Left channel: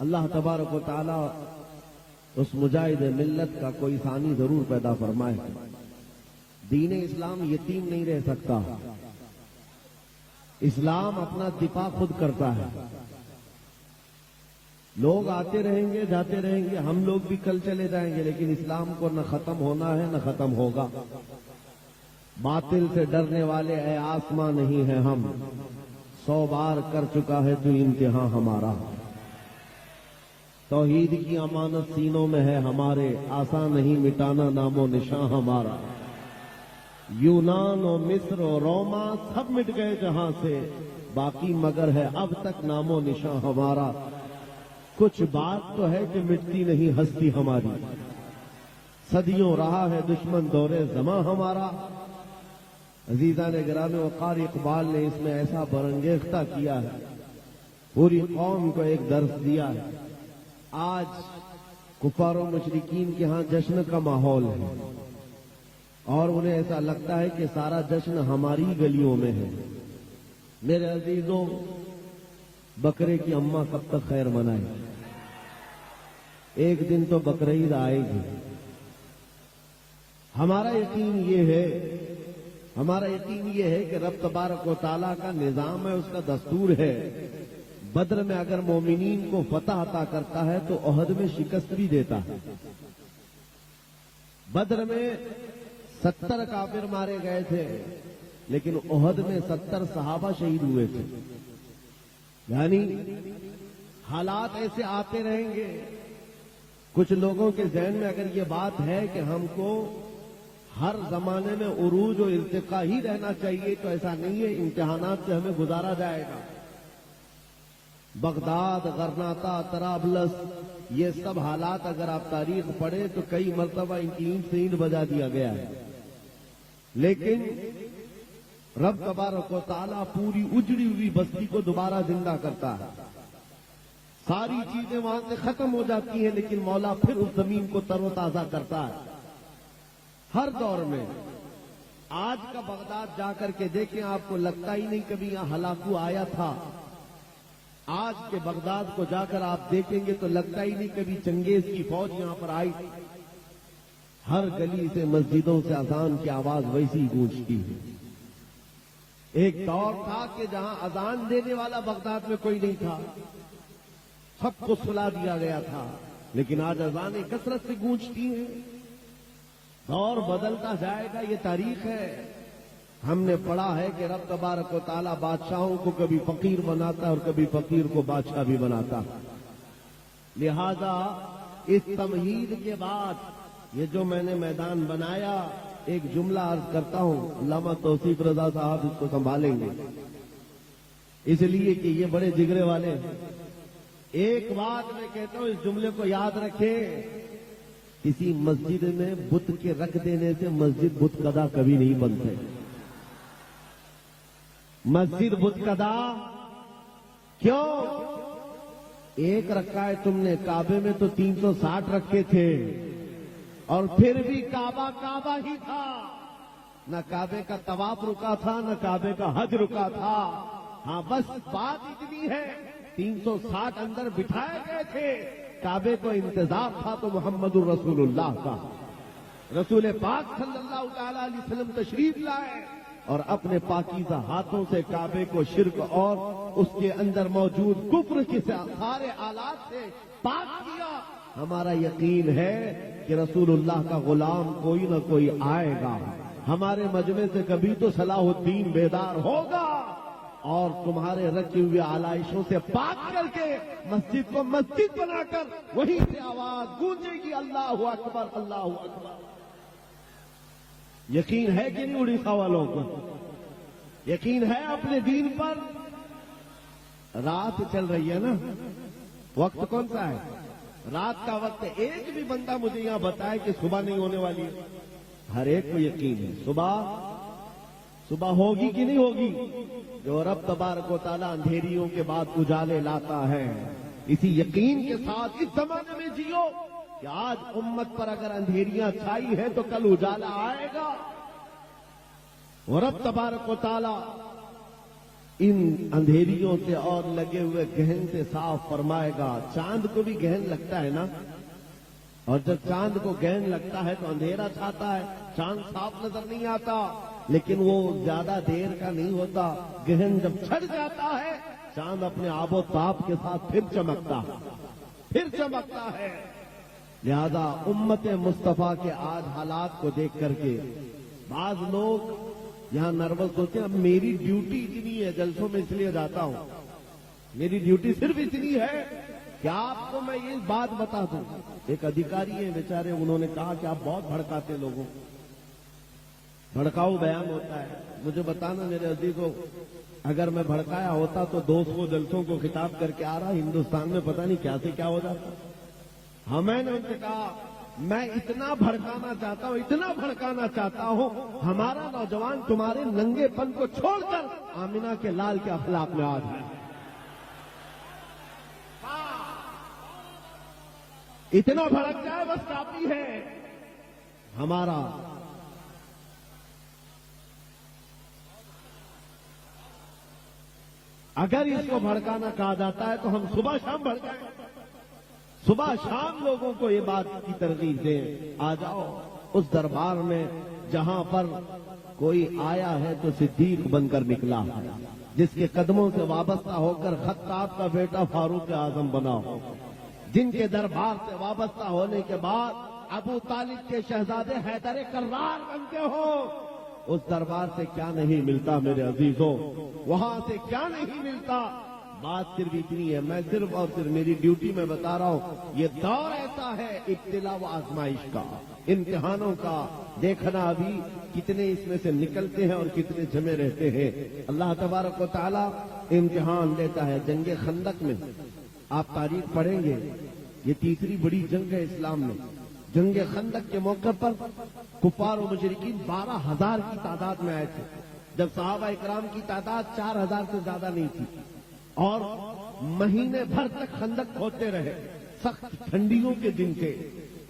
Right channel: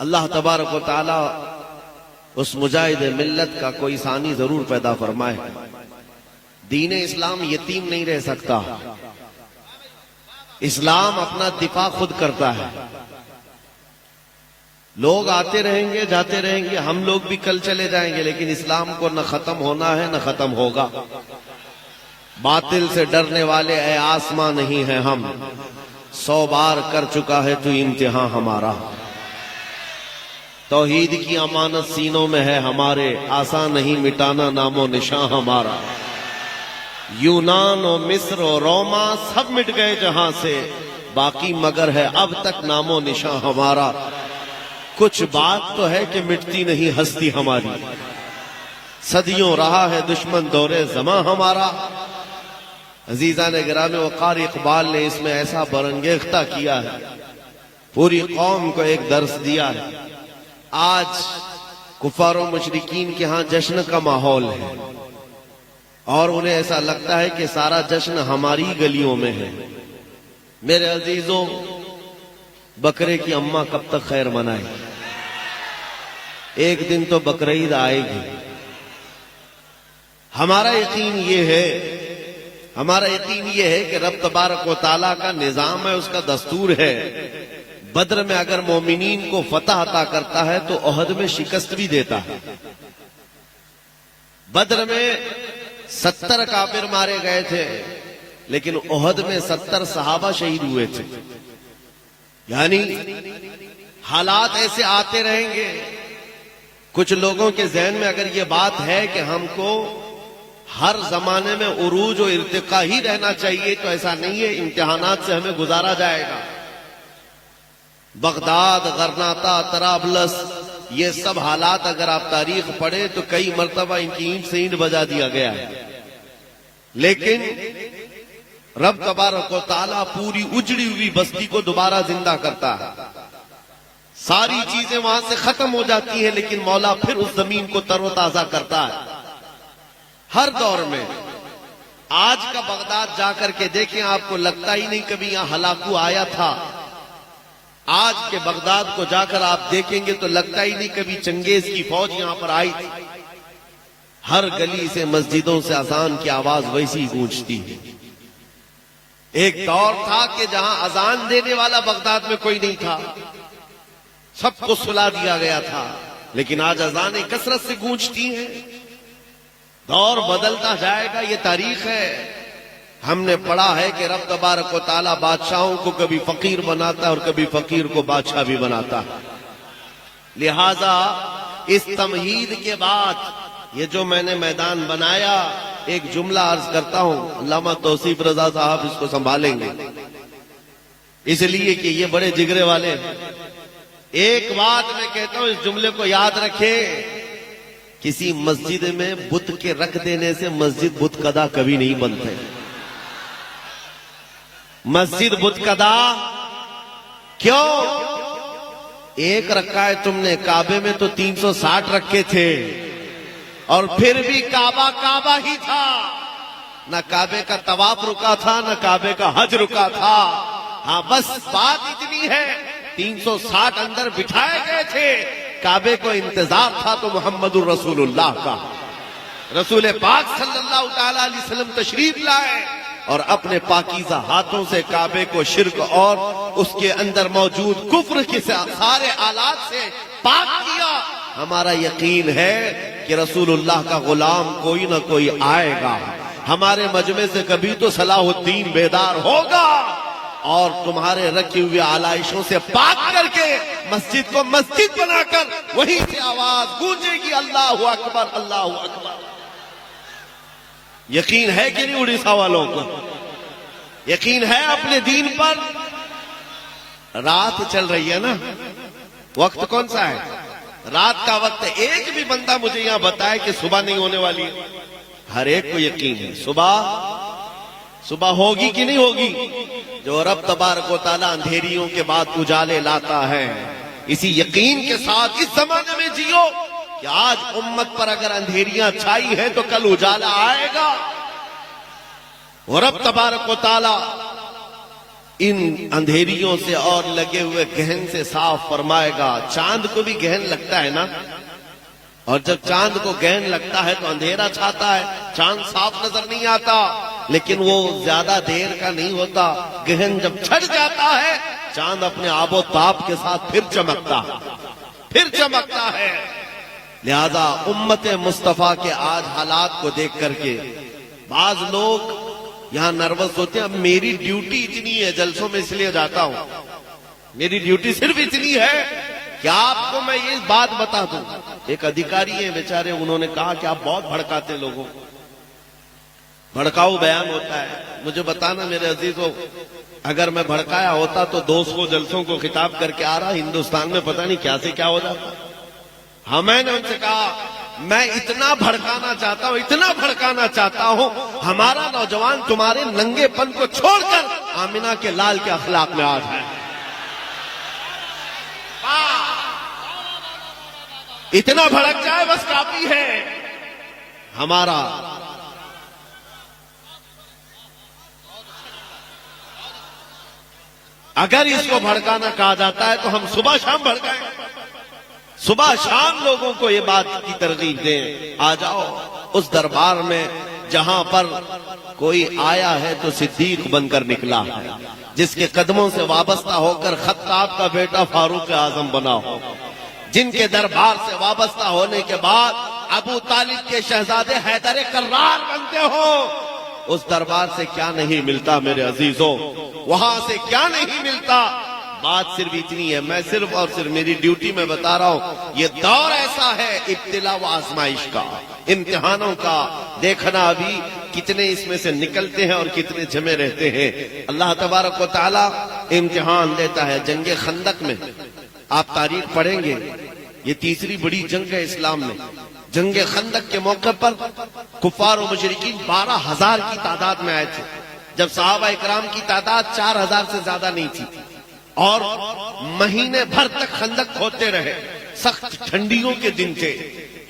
اللہ تبارک و تعالی اس مجاہد ملت کا کوئی ثانی ضرور پیدا فرمائے. دین اسلام یتیم نہیں رہ سکتا. اسلام اپنا دفاع خود کرتا ہے. لوگ آتے رہیں گے جاتے رہیں گے، ہم لوگ بھی کل چلے جائیں گے، لیکن اسلام کو نہ ختم ہونا ہے نہ ختم ہوگا. باطل سے ڈرنے والے اے آسماں نہیں ہیں ہم، 100 بار کر چکا ہے تو امتحان ہمارا. توحید کی امانت سینوں میں ہے ہمارے، آسان نہیں مٹانا نام و نشان ہمارا. یونان و مصر و روما سب مٹ گئے جہاں سے، باقی مگر ہے اب تک نام و نشان ہمارا. کچھ بات تو ہے کہ مٹتی نہیں ہستی ہماری، صدیوں رہا ہے دشمن دورے زماں ہمارا. عزیزان گرامی وقار اقبال نے اس میں ایسا برانگیختہ کیا ہے، پوری قوم کو ایک درس دیا ہے. آج کفار و مشرکین کے ہاں جشن کا ماحول ہے اور انہیں ایسا لگتا ہے کہ سارا جشن ہماری گلیوں میں ہے. میرے عزیزوں، بکرے کی اماں کب تک خیر منائے؟ ایک دن تو بقرعید آئے گی. ہمارا یقین یہ ہے کہ رب تبارک و تعالیٰ کا نظام ہے، اس کا دستور ہے. بدر میں اگر مومنین کو فتح عطا کرتا ہے تو احد میں شکست بھی دیتا ہے. بدر میں 70 کافر مارے گئے تھے، لیکن احد میں 70 صحابہ شہید ہوئے تھے. یعنی حالات ایسے آتے رہیں گے. کچھ لوگوں کے ذہن میں اگر یہ بات ہے کہ ہم کو ہر زمانے میں عروج و ارتقاء ہی رہنا چاہیے، تو ایسا نہیں ہے. امتحانات سے ہمیں گزارا جائے گا. بغداد، غرناطہ، طرابلس، یہ سب حالات اگر آپ تاریخ پڑھیں تو کئی مرتبہ ان کی اینٹ سے اینٹ بجا دیا گیا ہے. لیکن رب تبارک و تعالیٰ پوری اجڑی ہوئی بستی کو دوبارہ زندہ کرتا ہے. ساری چیزیں وہاں سے ختم ہو جاتی ہیں، لیکن مولا پھر اس زمین کو تر و تازہ کرتا ہے. ہر دور میں آج کا بغداد جا کر کے دیکھیں، آپ کو لگتا ہی نہیں کبھی یہاں ہلاکو آیا تھا. آج کے بغداد کو جا کر آپ دیکھیں گے تو لگتا ہی نہیں کبھی چنگیز کی فوج یہاں پر آئی تھی. ہر گلی سے مسجدوں سے اذان کی آواز ویسی گونجتی ہے. ایک دور تھا کہ جہاں اذان دینے والا بغداد میں کوئی نہیں تھا، سب کو سلا دیا گیا تھا، لیکن آج اذانیں کثرت سے گونجتی ہیں. دور بدلتا جائے گا، یہ تاریخ ہے. ہم نے پڑھا ہے کہ رب تبارک و تعالیٰ بادشاہوں کو کبھی فقیر بناتا ہے اور کبھی فقیر کو بادشاہ بھی بناتا ہے. لہذا اس تمہید کے بعد یہ جو میں نے میدان بنایا، ایک جملہ عرض کرتا ہوں. علامہ توصیف رضا صاحب اس کو سنبھالیں گے، اس لیے کہ یہ بڑے جگرے والے ہیں. ایک بات میں کہتا ہوں، اس جملے کو یاد رکھیں. کسی مسجد میں بت کے رکھ دینے سے مسجد بت کدا کبھی نہیں بنتے. مسجد بت کدا کیوں؟ ایک رکھا ہے تم نے، کعبے میں تو 360 رکھے تھے، اور پھر بھی کعبہ ہی تھا. نہ کعبے کا طواف رکا تھا، نہ کعبے کا حج رکا تھا. ہاں بس بات اتنی ہے، 360 اندر بٹھائے گئے تھے. کعبے کو انتظار تھا تو محمد الرسول اللہ کا. رسول پاک صلی اللہ تعالی علیہ وسلم تشریف لائے اور اپنے پاکیزہ ہاتھوں سے کعبے کو شرک اور اس کے اندر موجود کفر کے سارے آلات سے پاک کیا. ہمارا یقین ہے کہ رسول اللہ کا غلام کوئی نہ کوئی آئے گا. ہمارے مجمع سے کبھی تو صلاح الدین بیدار ہوگا اور تمہارے رکھی ہوئے آلائشوں سے پاک کر کے مسجد کو مسجد بنا کر وہیں سے آواز گونجے گی، اللہ اکبر اللہ اکبر. یقین ہے کہ نہیں اڑیسہ والوں کو؟ یقین ہے اپنے دین پر؟ رات چل رہی ہے نا، وقت کون سا ہے؟ رات کا وقت ہے. ایک بھی بندہ مجھے یہاں بتائے کہ صبح نہیں ہونے والی ہے. ہر ایک کو یقین ہے صبح ہوگی کہ نہیں ہوگی. جو رب تبارک و تعالیٰ اندھیریوں کے بعد اجالے لاتا ہے، اسی یقین کے ساتھ اس زمانے میں جیو کہ آج امت پر اگر اندھیریاں چھائی ہیں تو کل اجالا آئے گا. اور رب تبارک و تعالیٰ ان اندھیریوں سے اور لگے ہوئے گہن سے صاف فرمائے گا. چاند کو بھی گہن لگتا ہے نا, اور جب چاند کو گہن لگتا ہے تو اندھیرا چھاتا ہے, چاند صاف نظر نہیں آتا, لیکن وہ زیادہ دیر کا نہیں ہوتا. گہن جب چھٹ جاتا ہے چاند اپنے آب و تاب کے ساتھ پھر چمکتا ہے. لہذا امت مصطفیٰ کے آج حالات کو دیکھ کر کے بعض لوگ یہاں نروس ہوتے ہیں. اب میری ڈیوٹی اتنی ہے, جلسوں میں اس لیے جاتا ہوں, میری ڈیوٹی صرف اتنی ہے کہ آپ کو میں یہ بات بتا دوں. ایک ادھیکاری ہیں بیچارے, انہوں نے کہا کہ آپ بہت بھڑکاتے لوگوں کو, بھڑکاؤ بیان ہوتا ہے. مجھے بتانا میرے عزیزوں, اگر میں بھڑکایا ہوتا تو 200 جلسوں کو خطاب کر کے آ رہا, ہندوستان میں پتہ نہیں کیا سے کیا ہو جاتا. ہاں, میں نے ان سے کہا میں اتنا بھڑکانا چاہتا ہوں, ہمارا نوجوان تمہارے ننگے پن کو چھوڑ کر آمنہ کے لال کے اخلاق میں آ جائے. اتنا بھڑک جائے بس کافی ہے. ہمارا اگر اس کو بھڑکانا کہا جاتا ہے تو ہم صبح شام بھڑکائیں, صبح شام لوگوں کو یہ بات کی ترغیب دیں, آ جاؤ اس دربار میں جہاں پر کوئی آیا ہے تو صدیق بن کر نکلا ہے, جس کے قدموں سے وابستہ ہو کر خطاب کا بیٹا فاروق اعظم بنا ہو, جن کے دربار سے وابستہ ہونے کے بعد ابو طالب کے شہزادے حیدر کرار بنتے ہو. اس دربار سے کیا نہیں ملتا میرے عزیزوں, وہاں سے کیا نہیں ملتا. بات صرف اتنی ہے, میں صرف اور صرف میری ڈیوٹی میں بتا رہا ہوں, یہ دور ایسا ہے ابتلا و آزمائش کا, امتحانوں کا. دیکھنا ابھی کتنے اس میں سے نکلتے ہیں اور کتنے جمے رہتے ہیں. اللہ تبارک و تعالی امتحان دیتا ہے. جنگ خندق میں آپ تاریخ پڑھیں گے, یہ تیسری بڑی جنگ ہے اسلام میں. جنگ خندق کے موقع پر کفار و مشرکین 12,000 کی تعداد میں آئے تھے, جب صحابہ اکرام کی تعداد 4,000 سے زیادہ نہیں تھی, اور مہینے بھر تک خندق کھودتے رہے. سخت ٹھنڈیوں کے دن تھے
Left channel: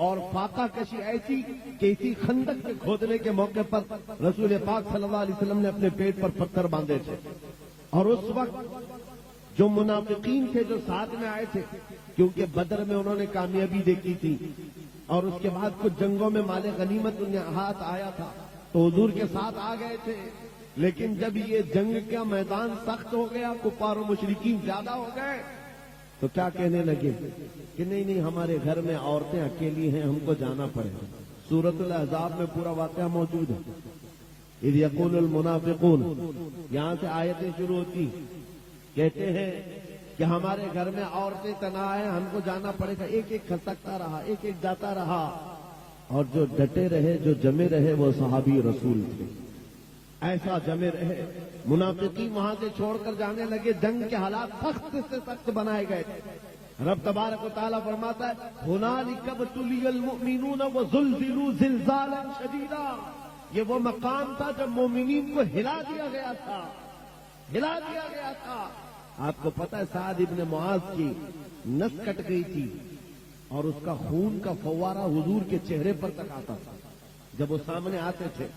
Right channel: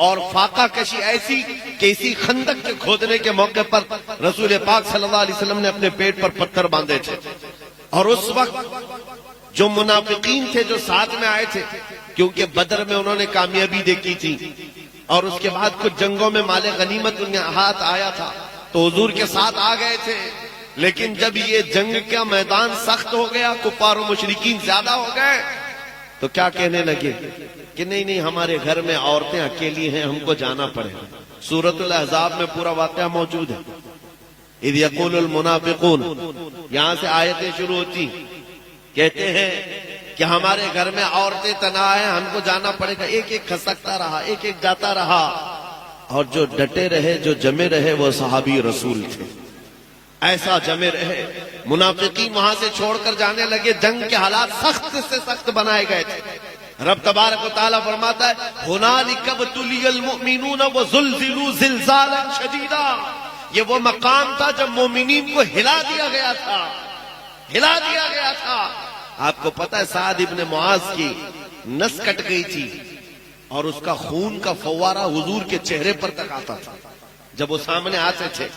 اور فاقہ کشی ایسی کہ اسی خندق کے کھودنے کے موقع پر رسول پاک صلی اللہ علیہ وسلم نے اپنے پیٹ پر پتھر باندھے تھے. اور اس وقت جو منافقین تھے جو ساتھ میں آئے تھے, کیونکہ بدر میں انہوں نے کامیابی دیکھی تھی اور اس کے بعد کچھ جنگوں میں مال غنیمت ان کے ہاتھ آیا تھا, تو حضور کے ساتھ آ گئے تھے. لیکن جب یہ جنگ کا میدان سخت ہو گیا, کفار و مشرکین زیادہ ہو گئے, تو کیا کہنے لگے کہ نہیں ہمارے گھر میں عورتیں اکیلی ہیں, ہم کو جانا پڑے. سورۃ الاحزاب میں پورا واقعہ موجود ہے. اذ یقول المنافقون, یہاں سے آیتیں شروع ہوتی, کہتے ہیں کہ ہمارے گھر میں عورتیں تنہا ہیں, ہم کو جانا پڑے گا. ایک ایک کھسکتا رہا, ایک ایک جاتا رہا, اور جو ڈٹے رہے, جو جمے رہے, وہ صحابی رسول تھے. ایسا جمے رہے. منافقین وہاں سے چھوڑ کر جانے لگے. جنگ کے حالات سخت سے سخت بنائے گئے تھے. رب تبارک و تعالیٰ فرماتا ہے هُنَالِكَ ابْتُلِيَ الْمُؤْمِنُونَ وَزُلْزِلُوا زِلْزَالًا شَدِيدًا. یہ وہ مقام تھا جب مومنین کو ہلا دیا گیا تھا. آپ کو پتہ ہے سعد ابن معاذ کی نس کٹ گئی تھی اور اس کا خون کا فوارہ حضور کے چہرے پر تک آتا تھا جب وہ سامنے آتے تھے.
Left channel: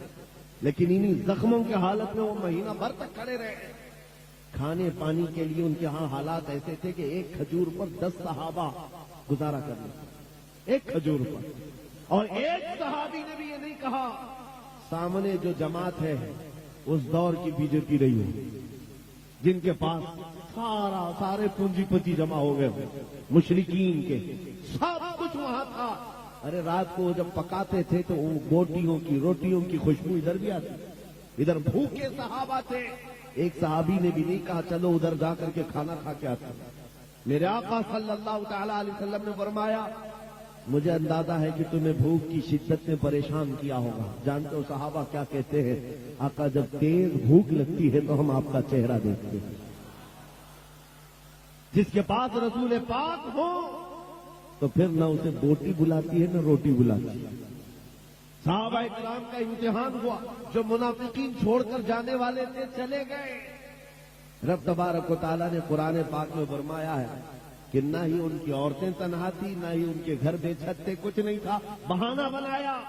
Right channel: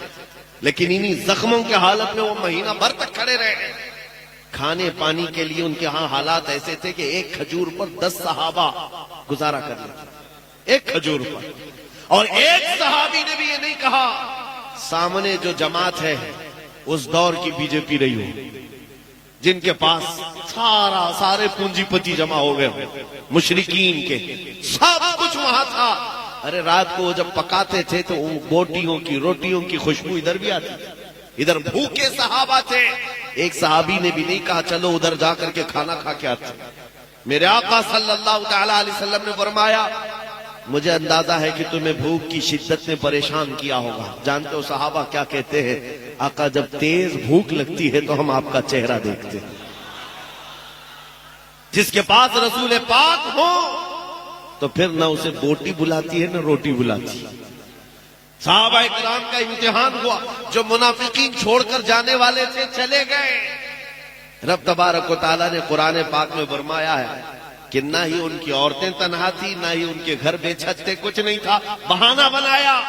لیکن انہی زخموں کے حالت میں وہ مہینہ بھر تک کھڑے رہے. کھانے پانی کے لیے ان کے ہاں حالات ایسے تھے کہ ایک کھجور پر 10 صحابہ گزارا کر لیتے, ایک کھجور پر. اور ایک صحابی نے بھی یہ نہیں کہا سامنے جو جماعت ہے اس دور کی بی جے پی رہی ہو, جن کے پاس سارے پونجی پتی جمع ہو گئے, مشرکین کے سب کچھ وہاں تھا. ارے رات کو جب پکاتے تھے تو بوٹیوں کی روٹیوں کی خوشبو ادھر بھی آتی, ادھر بھوکے صحابہ تھے. ایک صحابی نے بھی نہیں کہا چلو ادھر جا کر کے کھانا کھا کے آتے. میرے آقا صلی اللہ تعالی علیہ وسلم نے فرمایا مجھے اندازہ ہے کہ تمہیں بھوک کی شدت نے پریشان کیا ہوگا. جانتے ہو صحابہ کیا کہتے ہیں؟ آقا جب تیز بھوک لگتی ہے تو ہم آپ کا چہرہ دیکھتے ہیں. جس کے پاس رسول پاک ہو تو پھر نہ اسے بوٹی بلاتی ہے نہ روٹی بلاتی ہے. صحابہ اکرام کا امتحان ہوا. جو منافقین چھوڑ کر جانے والے تھے چلے گئے. رب تبارک و تعالیٰ نے قرآن پاک میں فرمایا ہے کہ نہ ہی ان کی عورتیں تنہا تھی, نہ ہی ان کے گھر بے چھت تھے, کچھ نہیں تھا. بہانہ بنایا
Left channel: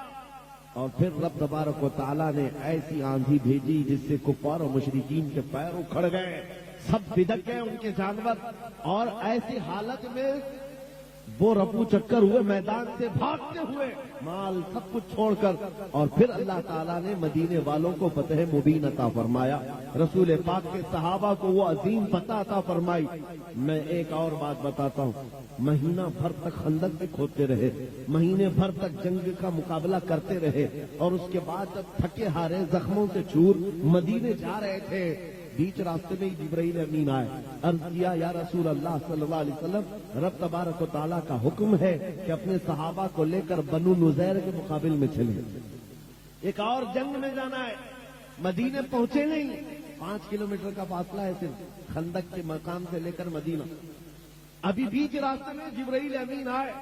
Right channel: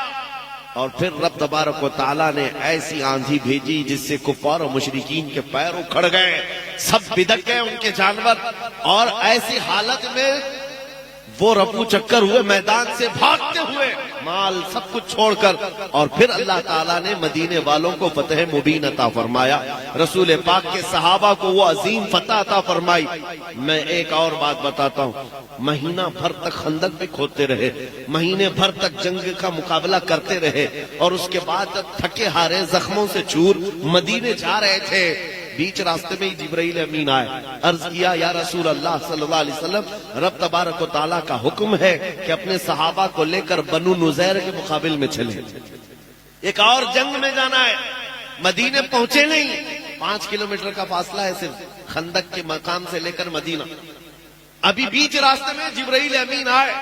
اور پھر رب تبارک و تعالیٰ نے ایسی آندھی بھیجی جس سے کفار و مشرکین کے پیر اکھڑ گئے، سب بدک گئے ان کے جانور، اور ایسی حالت میں وہ رفو چکر ہوئے میدان سے بھاگتے ہوئے، مال سب کچھ چھوڑ کر، اور پھر اللہ تعالیٰ نے مدینے والوں کو فتح مبین عطا فرمایا، رسول پاک کے صحابہ کو وہ عظیم فتح عطا فرمائی۔ میں ایک اور بات بتاتا ہوں، مہینہ بھر تک خندق بھی کھودتے رہے، مہینے بھر تک جنگ کا مقابلہ کرتے رہے، اور اس کے بعد تھکے ہارے زخموں سے چور مدینے جا رہے تھے، بیچ راستے میں ہی جبرائیل امین آئے، عرض کیا یا رسول اللہ صلی اللہ علیہ وسلم، رب تبارک و تعالیٰ کا حکم ہے کہ اپنے صحابہ کو لے کر بنو نزیر کے مقابل میں چلے، ایک اور جنگ میں جانا ہے۔ مدینے پہنچے نہیں، 5 کلومیٹر کا فاصلہ ہے صرف خندق کے مقام سے لے کر مدینہ، ابھی بیچ راستے میں جبرائیل امین آئے،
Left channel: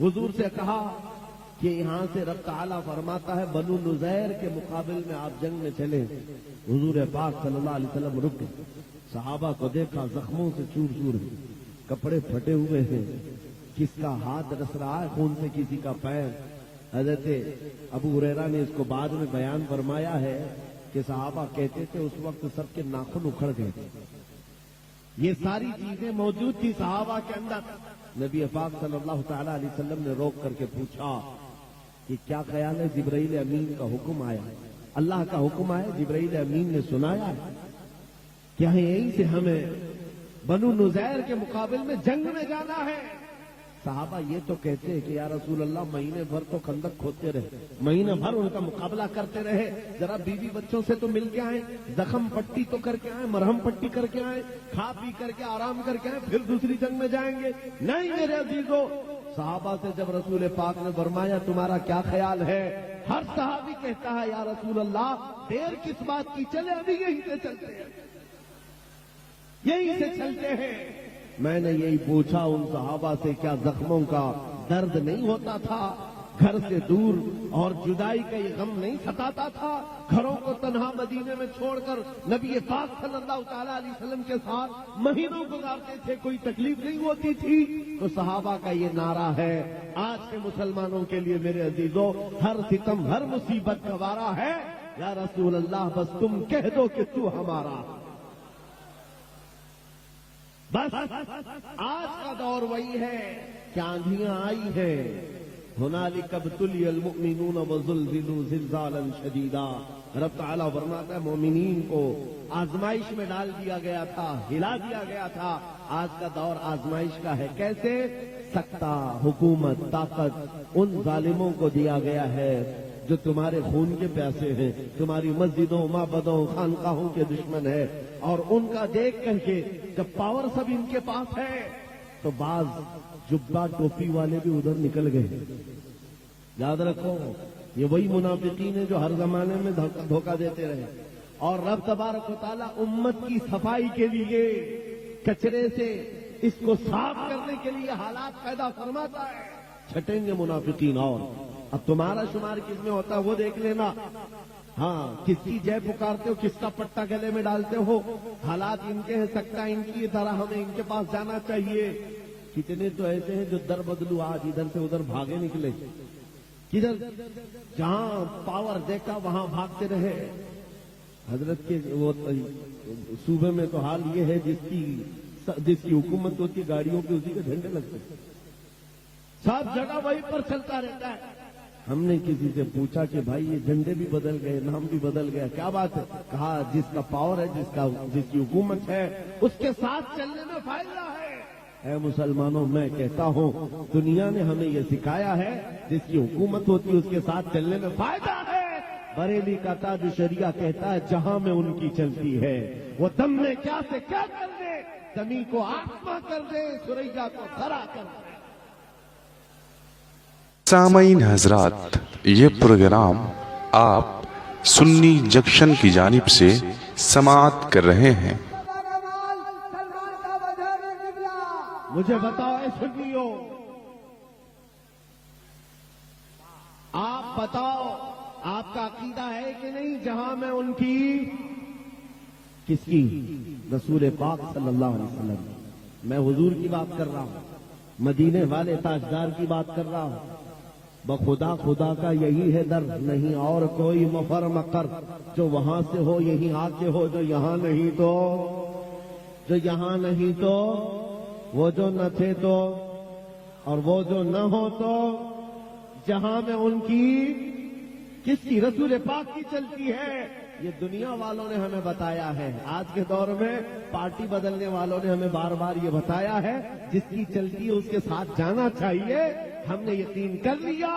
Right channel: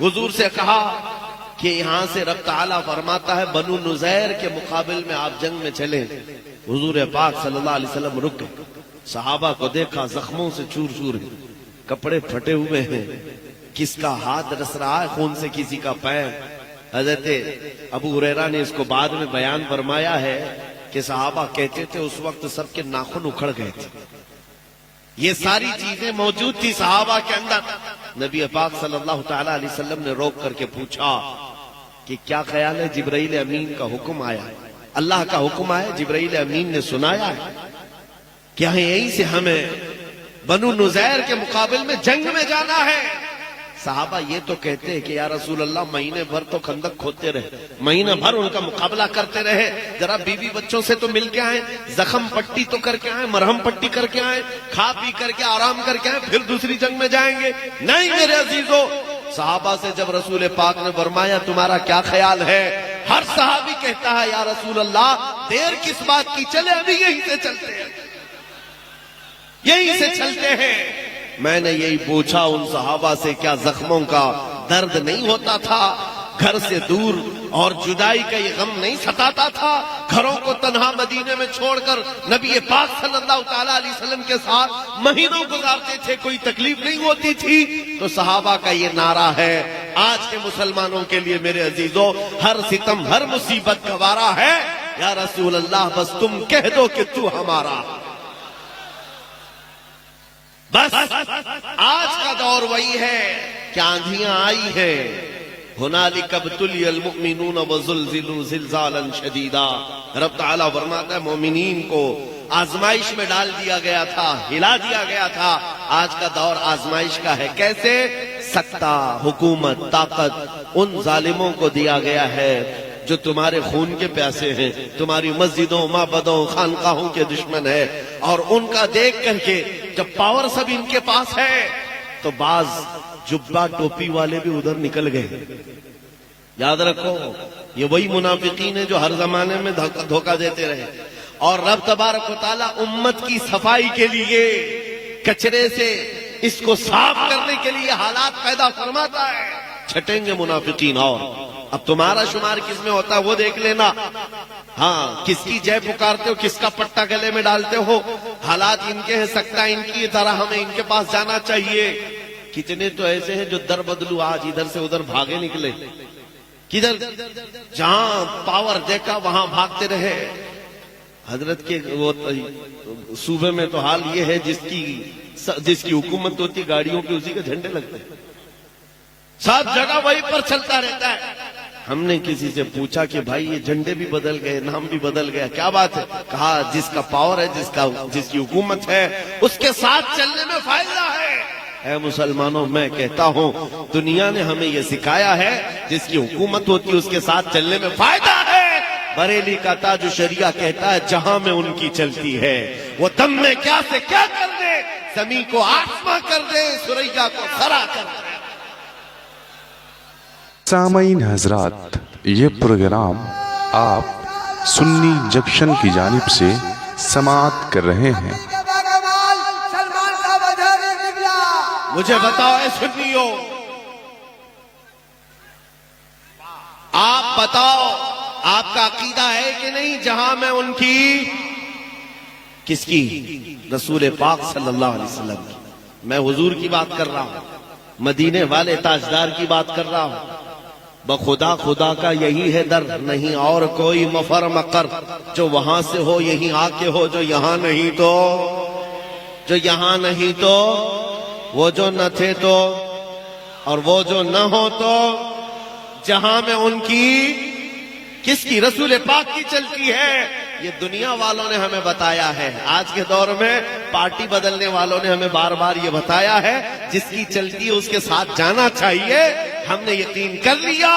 حضور سے کہا کہ یہاں سے رب تعالیٰ فرماتا ہے بنو نزیر کے مقابل میں آپ جنگ میں چلیں۔ حضور پاک صلی اللہ علیہ وسلم رک گئے، صحابہ کو دیکھا زخموں سے چور چور ہیں، کپڑے پھٹے ہوئے ہیں، کس کا ہاتھ رس رہا ہے خون سے، کسی کا پیر۔ حضرت ابو ہریرہ نے اس کو بعد میں بیان فرمایا ہے کہ صحابہ کہتے تھے اس وقت سب کے ناخن اکھڑ گئے تھے، یہ ساری چیزیں موجود تھی صحابہ کے اندر۔ نبی پاک صلی اللہ تعالی علیہ وسلم نے روک کر کے پوچھا کہ کیا خیال ہے؟ جبرائیل امین کا حکم آیا ہے، اللہ کا حکم آیا، جبرائیل امین نے سنایا ہے، کیا یہیں سے ہمیں بنو نزیر کے مقابل میں جنگ میں جانا ہے؟ صحابہ یہ تو کہتے ہیں کہ یا رسول اللہ مہینے بھر تو خندق کھودتے رہے، مہینہ بھر ان کا مقابلہ کرتے رہے، ذرا بیوی بچوں سے تو مل کے آئیں، زخم پٹی تو کر کے آئیں، مرہم پٹی کر کے آئیں، کھا پی کر کے آرام کر کے آئیں، پھر دوسری جنگ میں جائیں گے؟ نہیں میرے عزیزو، صحابہ سے جب رسول پاک نے فرمایا تمہارا کیا خیال ہے، ہر صحابی کہتا ہے یا رسول اللہ دیر کس بات کی، چلے ابھی یہیں سے چلتے ہیں، یہیں سے چلتے ہیں۔ میں نے یہی پوچھا ان صحابہ سے کیا زخموں کا درد نہیں ہوتا تھا، گھر سے دور اور جدائی کا یہ غم نہیں ستاتا تھا، گھروں کو تنہا مدینے میں چھوڑ کر نبی پاک صلی اللہ تعالی علیہ وسلم کے ساتھ مہینوں گزارتے تھے، کوئی تکلیف نہیں ہوتی تھی؟ تو صحابہ کا یہ نعرہ ہے آج کے مسلمانوں کے لیے میرے عزیزو، ہر ستم ہر مصیبت گوارا ہے، یا رسول اللہ بس تم کہہ دو کہ تو ہمارا۔ بس آج کا دور وہی ہے کہ آندھیاں آئی ہیں، ہنالک ابتلی المؤمنون وزلزلوا زلزالا شدیدا، رب تعالیٰ فرماتا ہے مومنین کو آزمائش میں ڈال دیا گیا تھا، ہلا دیا گیا تھا، آج کا دور آزمائش کا ہے۔ کیسے؟ سکتہ، حکومت، طاقت ان ظالموں کو دیا گیا ہے جو تمہارے خون کے پیاسے ہیں، تمہاری مسجدوں، معبدوں، خانقاہوں کے دشمن ہے، اور ان کا دیکھ کر کے جب پاور سب ان کے پاس ہے تو بعض جبہ ٹوپی والے بھی ادھر نکل گئے۔ یاد رکھو یہ وہی منافقین ہیں جو ہر زمانے میں دھوکہ دیتے رہے، اور رب تبارک و تعالیٰ امت کی صفائی کے لیے کچرے سے اس کو صاف کرنے کے لیے حالات پیدا فرماتا ہے۔ چھٹیں گے منافقین، اور اب تمہارا شمار کس میں ہوتا ہے وہ دیکھ لینا، ہاں کس کی جے پکارتے ہو، کس کا پٹا گلے میں ڈالتے ہو، حالات ان کے ہیں، سکتا ان کی طرح ہمیں ان کے پاس جانا چاہیے۔ کتنے تو ایسے ہیں جو در بدلو آج ادھر سے ادھر بھاگے نکلے، کدھر جہاں پاور دیکھا وہاں بھاگتے رہے۔ حضرت کے وہ صوبے میں تو حال یہ ہے جس کی حکومت ہوتی گاڑیوں پہ اسی کے جھنڈے لگتے ہیں، سب جگہ وہی پر چلتا رہتا ہے۔ ہم نے کسی سے پوچھا کہ بھائی یہ جھنڈے بھی بدل گئے، نام بھی بدل گیا، کیا بات ہے؟ کہا جس کا پاور ہے، جس کی حکومت ہے اس کے ساتھ چلنے میں فائدہ ہے۔ اے مسلمانوں میں کہتا ہوں دنیا نے ہمیں یہ سکھایا ہے جس کی حکومت ہوتی ہے اس کے ساتھ چلنے میں فائدہ ہے۔ بریلی کا تاج شریعہ کہتا ہے جہاں میں ان کی چلتی ہے وہ دم میں کیا سے کیا کر دے، زمین کو آسماں کر دے، سریا کو خرا کر دے۔ سامعین حضرات، یہ پروگرام آپ سنی جنکشن کی جانب سے سماعت کر رہے ہیں۔ مجھے بتاؤ اے سنیو، آپ بتاؤ آپ کا عقیدہ ہے کہ نہیں جہاں میں ان کی، کس کی؟ رسول پاک صلی اللہ علیہ وسلم کی۔ میں حضور کی بات کر رہا ہوں، مدینے والے تاجدار کی بات کر رہا ہوں، بخدا خدا کا یہی ہے در، نہیں اور کوئی مفر مقر، جو وہاں سے ہو یہیں آ کے ہو، جو یہاں نہیں تو، جو یہاں نہیں تو، وہ جو نہ تھے تو، اور وہ جو نہ ہو تو، جہاں میں ان کی، کس کی؟ رسول پاک کی چلتی ہے۔ یہ دنیا والوں نے ہمیں بتایا ہے، آج کے دور میں پارٹی بدلنے والوں نے ہمیں بار بار یہ بتایا ہے، جس کی چلتی ہے اس کے ساتھ جانا چاہیے۔ ہم نے یقین کر لیا،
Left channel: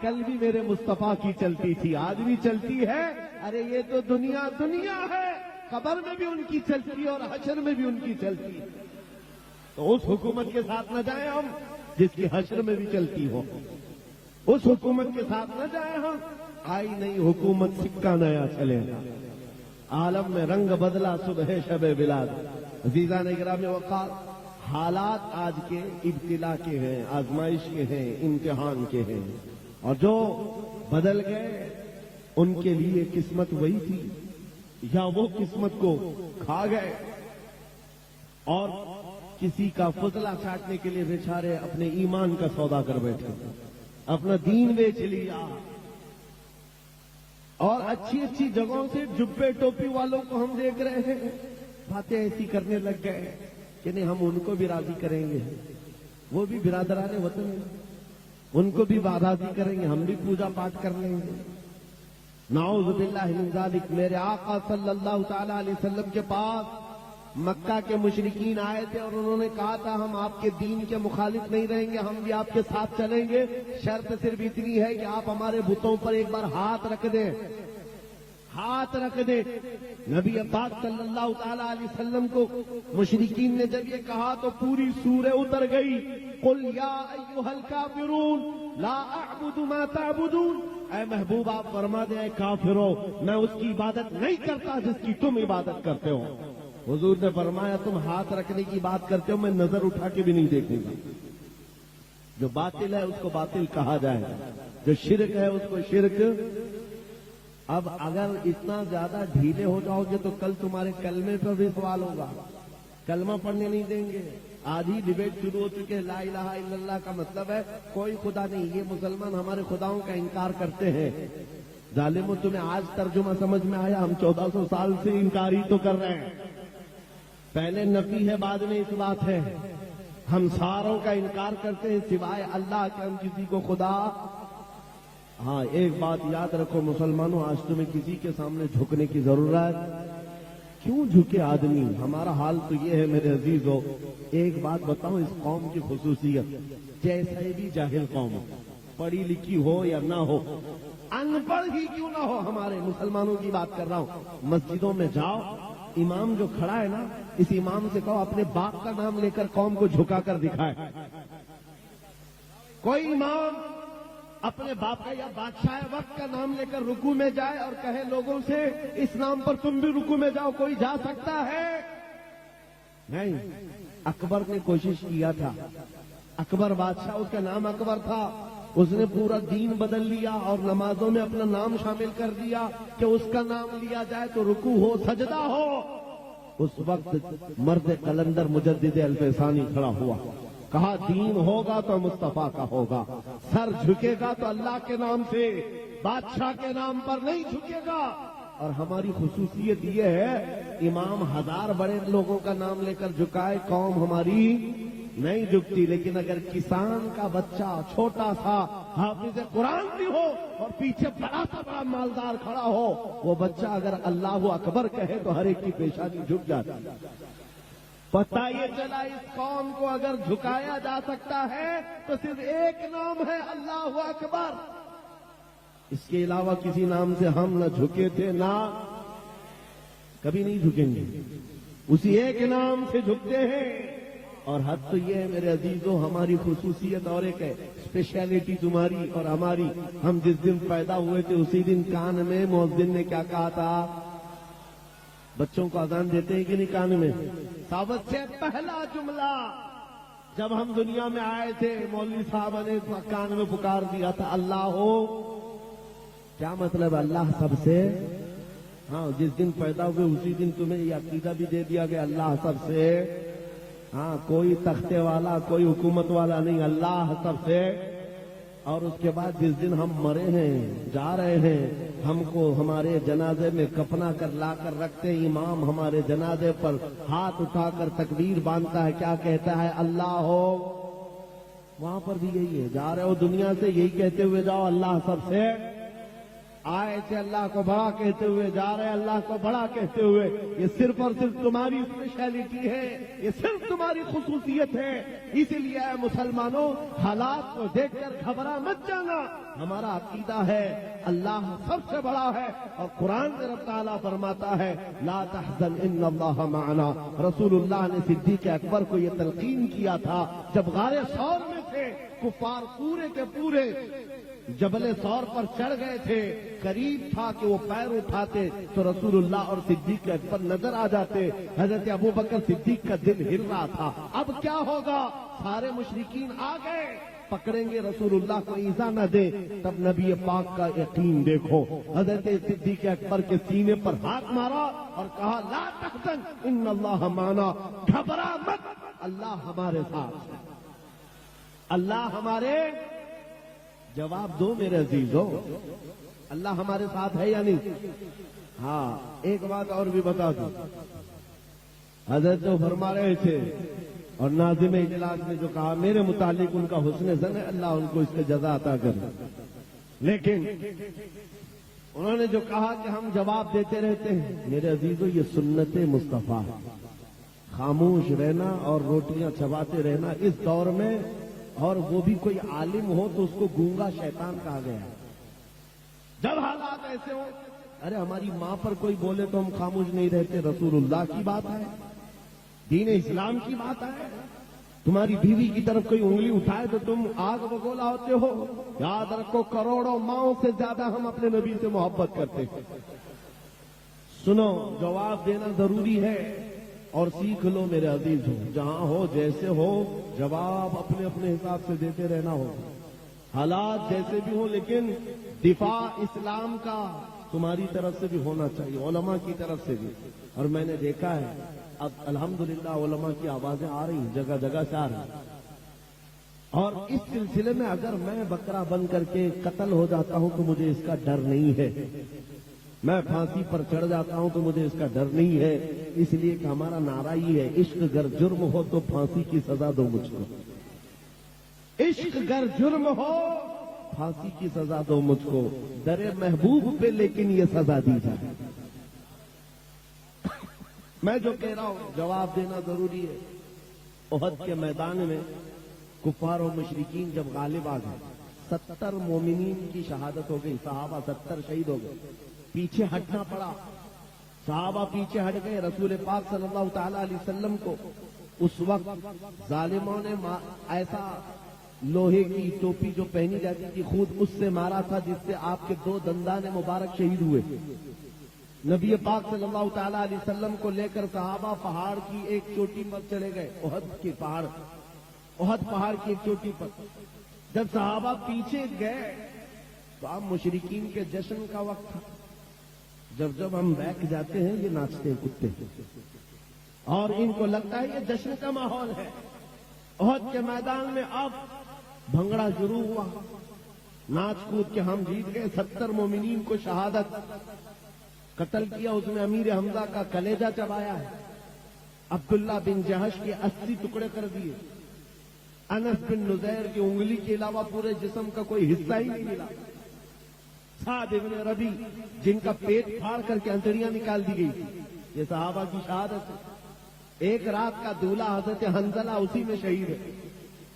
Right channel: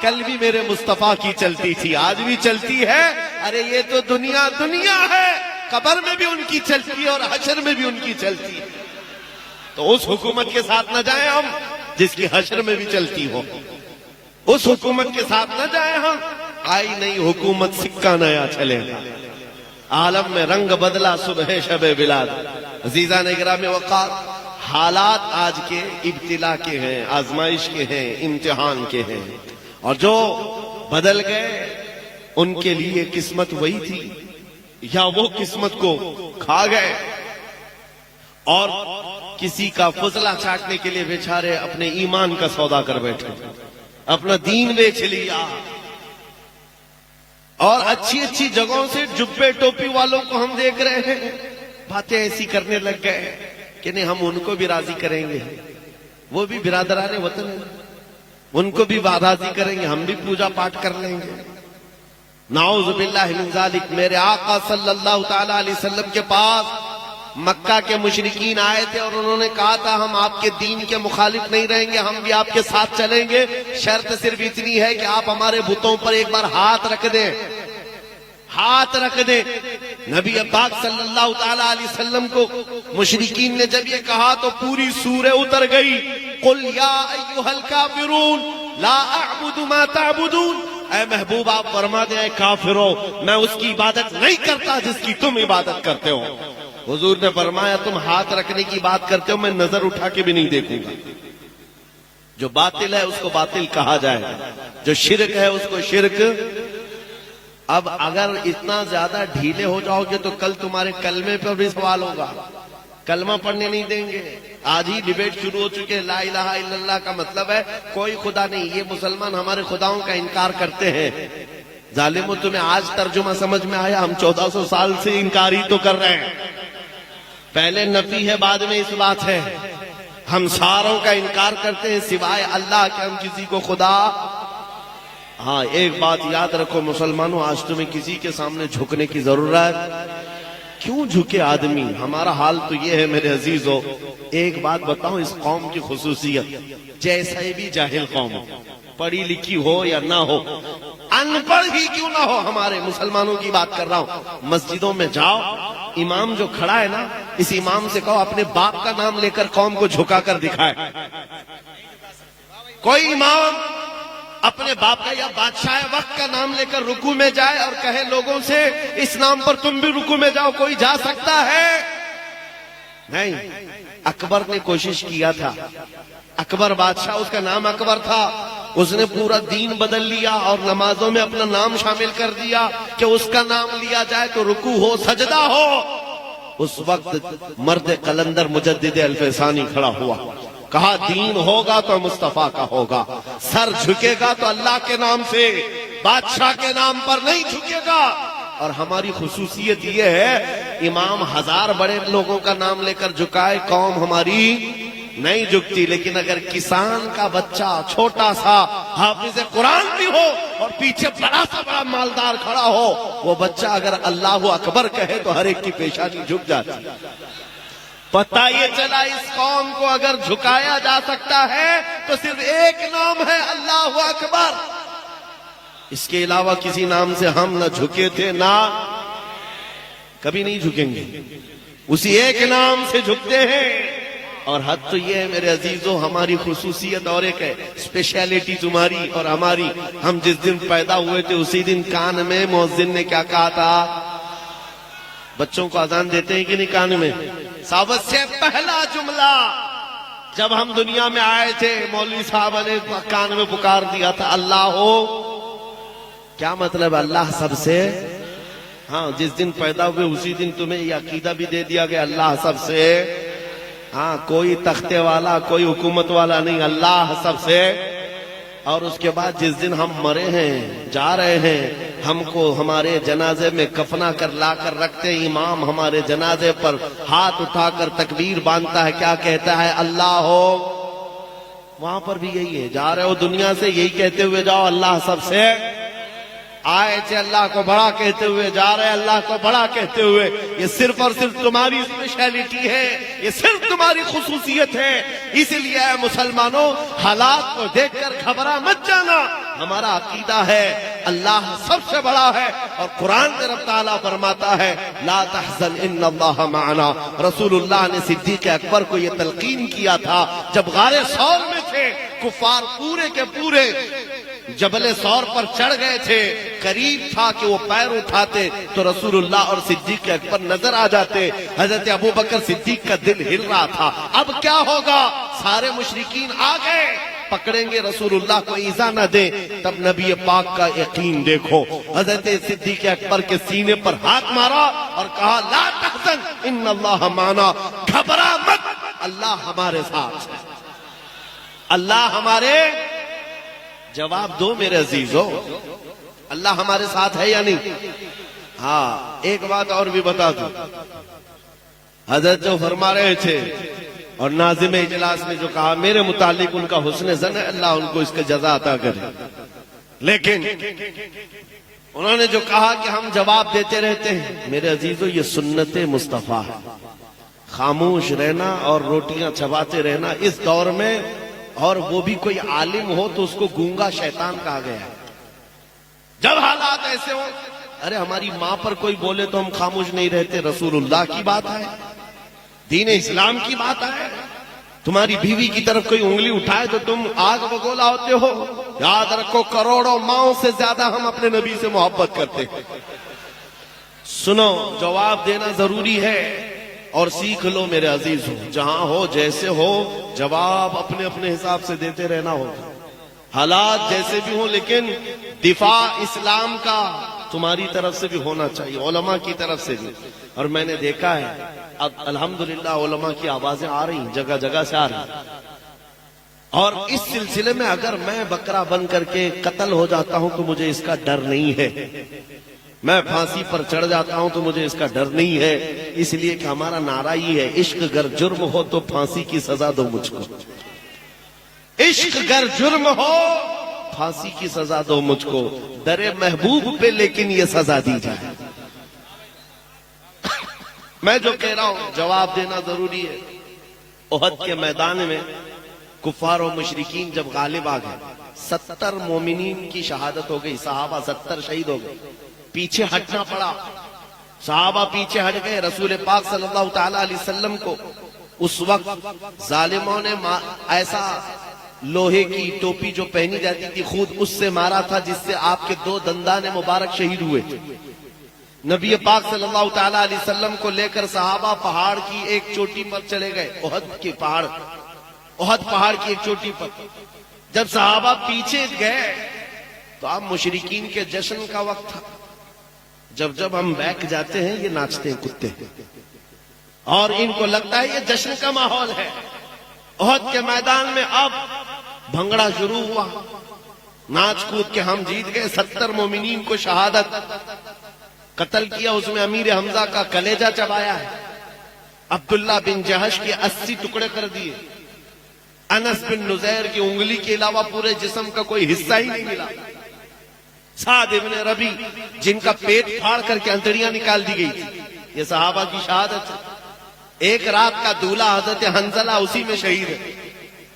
کل بھی میرے مصطفیٰ کی چلتی تھی، آج بھی چلتی ہے۔ ارے یہ تو دنیا دنیا ہے، قبر میں بھی ان کی چلتی ہے اور حشر میں بھی ان کی چلتی ہے۔ تو اس حکومت کے ساتھ نہ جائیں ہم جس کی حشر میں بھی چلتی ہو، اس حکومت کے ساتھ نہ جائیں ہم۔ آئی نئی حکومت سکہ نیا چلے گا، عالم میں رنگ بدلا صبح شب بلاد۔ عزیزان اکرام وقار، حالات آج کے ابتلا کے ہیں، آزمائش کے ہیں، امتحان کے ہیں، اور جو بدل گئے ان کے لیے قسمت وہی تھی یا وہ قسمت کو کھا گئے، اور کسی کا فضلہ چاٹنے کے لیے بیچارے اپنے ایمان کا سودا کر بیٹھے، اپنا دین بیچ لیا، اور اچھی اچھی جگہوں سے جبے ٹوپی والوں کو ہم دیکھ رہے ہیں، باتیں ایسی کرنے لگ گئے کہ نہیں ہم ان کو بھی راضی کریں گے، وہ بھی برادران وطن ہیں، ان کو بھی راضی کریں گے، ہم بھی پوجا پاٹ کر لیں گے۔ نعوذ باللہ من ذالک۔ میرے آقا صلی اللہ تعالی علیہ وسلم کے پاس مکہ کے مشرکین آئے تھے اور انہوں نے کہا تھا ہم آپ کے دین کے مخالف نہیں رہیں گے، ہم بھی آپ کے ساتھ چلیں گے، شرط صرف اتنی ہے کہ آپ ہمارے بتوں پر ایک بار ہاتھ رکھ دیں، ہاتھ رکھ دیں۔ نبی پاک صلی اللہ تعالی علیہ وسلم کو مشرکین نے جب یہ کہا تو پوری سورہ اتر گئی، قل یا ایھا الکافرون لا اعبد ما تعبدون۔ اے محبوب آپ فرما دیں اے کافرو، میں اس کی عبادت نہیں کرتا جس کی تم عبادت کرتے ہو۔ حضور نے فرمایا تم ہاتھ رکھنے کی بات کرتے ہو، میں نظر اٹھا کے بھی نہیں دیکھوں گا۔ جو باطل ہے اس کو باطل کہا جائے، جو شرک ہے اس کو شرک۔ اب اگر اتنا زیادہ ڈھیلے ہو جاؤ گے تو کل تمہارے کلمے پر بھی سوال ہوگا، کلمہ پڑھنے نہیں دیں گے۔ آج ہی ڈیبیٹ شروع ہو چکے، لا الہ الا اللہ کا مطلب ہے کوئی خدا نہیں، یہ مسلمان ہمارے خداؤں کا انکار کرتے ہیں۔ ظالموں تمہیں آج ترجمہ سمجھ میں آیا؟ ہم 1400 سال سے انکار ہی تو کر رہے ہیں، پہلے نفی ہے بعد میں اس بات ہے۔ ہم ساروں کا انکار کرتے ہیں سوائے اللہ کے، ہم کسی کو خدا۔ ہاں ایک بات یاد رکھو مسلمانوں، آج تمہیں کسی کے سامنے جھکنے کی ضرورت کیوں جھکے آدمی؟ ہمارا حال تو یہ ہے میرے عزیزو۔ ایک بات بتاؤں اس قوم کی خصوصیت، جیسے بھی جاہل قوم ہو، پڑھی لکھی ہو یا نہ ہو، ان پڑھ ہی کیوں نہ ہو، ہمارے مسلمانوں کی بات کر رہا ہوں، مسجدوں میں جاؤ، امام جو کھڑا ہے نا، اس امام سے کہو اپنے باپ کا نام لے کر قوم کو جھکا کر دکھائے۔ کوئی امام اپنے باپ کا یا بادشاہ وقت کا نام لے کر رکوع میں جائے اور کہے لوگوں سے اس نام پر تم بھی رکوع میں جاؤ، کوئی جا سکتا ہے؟ نہیں۔ اکبر نے کوشش کیا تھا، اکبر بادشاہ، اس کا نام اکبر تھا، اس نے پورا دین بدل لیا اور نمازوں میں اپنا نام شامل کر دیا کہ اس کا نام لیا جائے تو رکوع ہو، سجدہ ہو۔ اس وقت مرد قلندر مجدد الفسانی کھڑا ہوا، کہا دین ہوگا تو مصطفیٰ کا ہوگا، سر جھکے گا تو اللہ کے نام سے، بادشاہ کے نام پر نہیں جھکے گا۔ اور ہماری خصوصیت یہ ہے امام ہزار بڑے لوگوں کا نام لے کر جھکائے، قوم ہماری نہیں جھکتی۔ لیکن اگر کسان کا بچہ چھوٹا سا حافظ قرآن بھی ہو اور پیچھے بڑا سا بڑا مالدار کھڑا ہو، وہ بچہ اگر اللہ اکبر کہے تو ہر ایک کی پیشانی جھک جاتی۔ پتہ یہ چلا اس قوم کو اگر جھکایا جا سکتا ہے تو صرف ایک نام ہے، اللہ اکبر۔ اس کے علاوہ کسی نام سے ہم نہ جھکے تھے، نہ کبھی نہیں جھکیں گے، اسی ایک نام سے جھکتے ہیں۔ اور حد تو یہ ہے میرے عزیزو، ہماری خصوصیت اور ایک ہے، اسپیشیلٹی تمہاری اور ہماری۔ ہم جس دن پیدا ہوئے تھے اسی دن کان میں مؤذن نے کیا کہا تھا؟ بچوں کو اذان دیتے ہیں کہ نہیں کان میں؟ سب سے پہلا جملہ جب ہم دنیا میں آئے تھے مولوی صاحب نے کان میں پکار دیا تھا، اللہ ہو۔ کیا مطلب؟ اللہ سب سے، ہاں جس دن پیدا ہوئے اسی دن تمہیں یہ عقیدہ بھی دے دیا گیا اللہ سب سے۔ ہاں کوئی تختے والا، کوئی حکومت والا نہیں، اللہ سب سے۔ اور اس کے بعد جس دن ہم مرے ہیں جا رہے ہیں ہم کو ہمارے جنازے میں کفنا کر لا کر رکھتے ہیں، امام ہمارے جنازے پر ہاتھ اٹھا کر تکبیر باندھتا ہے، کیا کہتا ہے؟ اللہ ہو۔ وہاں پر بھی یہی ہے، جا رہے ہو دنیا سے یہی کہتے ہوئے جاؤ، اللہ سب سے آئے تھے، اللہ کو بڑا کہتے ہوئے جا رہے ہیں، اللہ کو بڑا کہتے ہوئے۔ یہ صرف اور صرف تمہاری اسپیشلٹی ہے، یہ صرف تمہاری خصوصیت ہے۔ اسی لیے اے مسلمانوں، حالات کو دیکھ کر گھبرا مت جانا، ہمارا عقیدہ ہے اللہ سب سے بڑا ہے، اور قرآن میں رب تعالیٰ فرماتا ہے لا تحزن ان اللہ معنا۔ رسول اللہ نے صدیق اکبر کو یہ تلقین کیا تھا جب غار ثور میں تھے، کفار پورے کے پورے جبل ثور پر چڑھ گئے تھے، قریب تھا کہ وہ پیر اٹھاتے تو رسول اللہ اور صدیق اکبر نظر آ جاتے۔ حضرت ابو بکر صدیق کا دل ہل رہا تھا، اب کیا ہوگا؟ سارے مشرکین آ گئے، پکڑیں گے رسول اللہ کو ایذا نہ دیں۔ تب نبی پاک کا یقین دیکھو، حضرت صدیق اکبر کے سینے پر ہاتھ مارا اور کہا لا تحزن ان اللہ معنا، گھبرا مت، اللہ ہمارے ساتھ ہے، اللہ ہمارے۔ جواب دو میرے عزیزو، اللہ ہمارے ساتھ ہے یا نہیں؟ ہاں، ایک بات اور بھی بتا دوں، حضرت جو فرما رہے تھے اور ناظم اجلاس نے جو کہا میرے متعلق ان کا حسن ظن ہے، اللہ ان کو اس کا جزا عطا کرے، لیکن انہوں نے جو کہا کہ ہم جواب دیتے رہتے ہیں، میرے عزیزو یہ سنت مصطفیٰ ہے، خاموش رہنا اور روٹیاں چباتے رہنا اس دور میں، اور وہ بھی کوئی عالم ہو تو اس کو گونگا شیطان کہا گیا ہے۔ جب حالات ایسے ہوں، ارے ہماری ماں پر کوئی بولے تو ہم خاموش نہیں رہتے، رسول اللہ کی بات ہے، دین اسلام کی بات ہے۔ تمہاری بیوی کی طرف کوئی انگلی اٹھائے تو تم آگ بگولا ہوتے ہو۔ یاد رکھو کروڑوں ماؤں سے زیادہ ہم اپنے نبی سے محبت کرتے ہیں۔ سنو، جواب دینا ضروری ہے اور سیکھ لو میرے عزیز ہو، جہاں ہو جیسے ہو جواب اپنے اپنے حساب سے دیتے رہنا ہوگا، حالات جیسے بھی ہوں، لیکن دفاع اسلام کا تمہاری طرف سے بھی ہونا چاہیے، علماء کی طرف سے بھی۔ اور میں نے دیکھا ہے اب الحمدللہ علماء کی آوازیں آ رہی ہیں، جگہ جگہ سے آ رہی ہیں، اور اس سلسلے میں اگر میں بکرا بن کر کے قتل ہو جاتا ہوں تو مجھے اس کا ڈر نہیں ہے، میں پھانسی پر چڑھ جاتا ہوں تو مجھے اس کا ڈر نہیں ہے، اس لیے کہ ہمارا نعرہ یہ ہے عشق گر جرم ہو تو پھانسی کی سزا دو مجھ کو، عشق گر جرم ہو پھانسی کی سزا دو مجھ کو، در محبوب پہ لیکن یہ سزا دی جائے۔ میں جو کہہ رہا ہوں جواب دینا ضروری ہے۔ احد کے میدان میں کفار و مشرکین جب غالب آ گئے، 70 مومنین کی شہادت ہو گئی، صحابہ 70 شہید ہو گئے، پیچھے ہٹنا پڑا، صحابہ پیچھے ہٹ گئے۔ رسول پاک صلی اللہ تعالی علیہ وسلم کو اس وقت ظالموں نے ایسا لوہے کی ٹوپی جو پہنی جاتی تھی خود اس سے مارا تھا جس سے آپ کے 2 دندان مبارک شہید ہوئے تھے۔ نبی پاک صلی اللہ تعالی علیہ وسلم کو لے کر صحابہ پہاڑ کی ایک چوٹی پر چلے گئے، احد پہاڑ کی ایک چوٹی پر۔ جب صحابہ پیچھے گئے تو اب مشرکین کے جشن کا وقت تھا، جب ہم بیک جاتے ہیں یہ ناچتے ہیں کتے، اور ان کو لگتا ہے یہ جشن کا ماحول ہے۔ احد کے میدان میں اب بھنگڑا شروع ہوا، ناچ کود کے ہم جیت گئے، 70 مومنین کو شہادت، قتل کیا، اس میں امیر حمزہ کا کلیجہ چبایا ہے، عبداللہ بن جہش کے 80 ٹکڑے کر دیے، انس بن نزیر کی انگلی کے علاوہ پورے جسم کا کوئی حصہ ہی نہیں ملا، سعد ابن ربی جن کا پیٹ پھاڑ کر کے انتڑیاں نکال دی گئی تھی، یہ صحابہ کی شہادت ہے۔ ایک رات کا دولہ حضرت حنظلہ اسی میں شہید ہے۔